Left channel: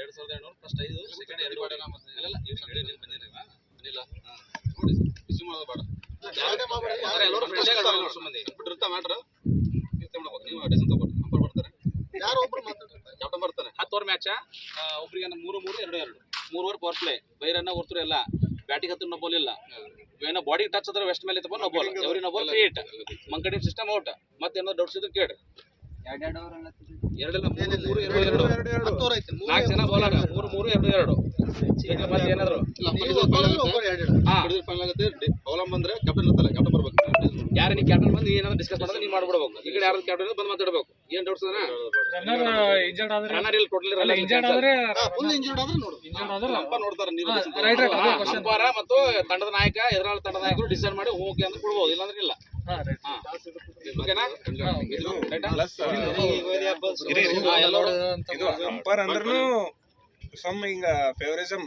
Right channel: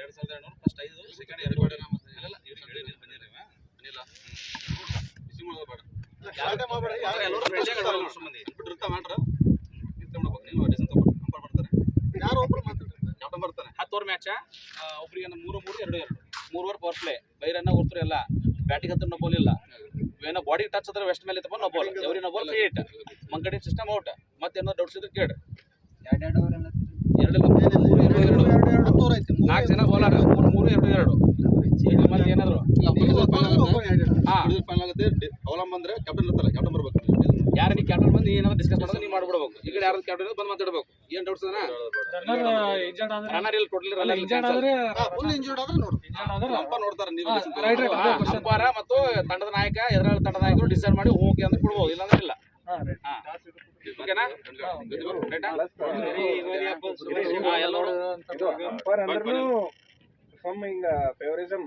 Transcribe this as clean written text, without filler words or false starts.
2200 first 5 second 2 ಅಲ್ಲ ಇವ್ರಿಗೆ ಹೇಳಿ ನೀನು ಬಂದಿರವ ಅನಿಲ್ಲ ಬಿಸಿ ಮಾಡೋದು ಬೇಡ ಯಾರೇ ಮಾಡಬೇಡ ಎಲ್ಲರೂ ಫ್ರೆಂಡ್ಸ್ ಆಗೋದು ಸುಮ್ಮನೆ ಬಿಟ್ಟಿರ್ತಾ ಮಾಡ್ರ ನೀವು ತಗೊಂಡು ನೀವು ಡಿಸೈನ್ ತಗೊಂಡು ನಂಬರ್ ಬರ್ತಾರೆ ಯಾರು ಒಬ್ರು ಮಾತಾಡ್ತಾರೆ ಕ್ಯಾಪ್ಟನ್ ಬರ್ತಾನೆ 10 ಓವರ್ ಮ್ಯಾಚ್ ಒಬ್ಬರಿಗೆ 3-3 2-2 3 ಓವರ್ ಪವರ್ ಪ್ಲೇ ಬೈರನ್ನ ಹೊರ್ತರು ಎಲ್ಲ ಬ್ಯಾಟಿಂಗ್ ಹತ್ರ ನೋ ಬಾಲ್ ಇಲ್ಲ ಏನೋ ಬಾಡಿ ಟಚ್ ಆದ್ರೆ ವೆಸ್ಟ್ ಮೇಲೆ ತಗೊಂಡು no ball every no ball free hit ಮಂಕಡಿ ಸಿಸ್ಟಮ್ ಔಟ್ ಮತ್ತೆ ಏನೋ ಡೌಟ್ಸ್ ಇದ್ರೆ ಕೇಳಿ 2 4 ಜನ ಬೌಲರ್ 3-3 2-2 ಮತ್ತೆ ಏನಾದ್ರು ಫೈನಲ್ ಆಗುತ್ತೆ ಅವಲಂಬ ಬಂದ್ರೆ ಕ್ಯಾಪ್ಟನ್ ಇರ್ತಲ್ಲ ಕ್ಯಾಪ್ಟನ್ ಬರ್ಬೇಕು ಯಾರು ನೀ ಕ್ಯಾಪ್ಟನ್ ಬಂದು ಏನಾದ್ರು ಡಿಸ್ಕಸ್ ಮಾಡೋದು ನೀವು ಮಾಡ್ಬಿಡ್ಬೇಕು ಈ ಕಡೆ ಯಾರು ಕ್ಯಾಪ್ಟನ್ ಬಂದು ಮಾತಾಡ್ಬೇಕು ಏನ್ ಡೌಟ್ಸ್ ರನ್ನರ್ ಇಲ್ಲ ಟೋಟಲಿ ರನ್ನರ್ ಇಂಜರ್ಡ್ ಆದ್ರೆ ನೋಡು ಅಂಪೈರ್ ನೋಡ್ತಾರೆ ನೀವು ಅಂಪೈರ್ ಮತ್ತು ತಂಡದ ನಾಯಕ ಎದುರಾಳಿ ತಂಡದ ನಾಯಕರು ಡಿಸೈಡ್ ಮಾಡಿ ಓಕೆ ಅಂತ ಕೊಡ್ಬೋದು ಇಲ್ಲಾಂದ್ರೆ ಇಲ್ಲ ಓಕೆನಾ ಇದು ಅಂಪೈರ್ ಅಂದ್ರೂ ಸಮ್ ಹಿಂಗ ಫೇವರಿಸಮ್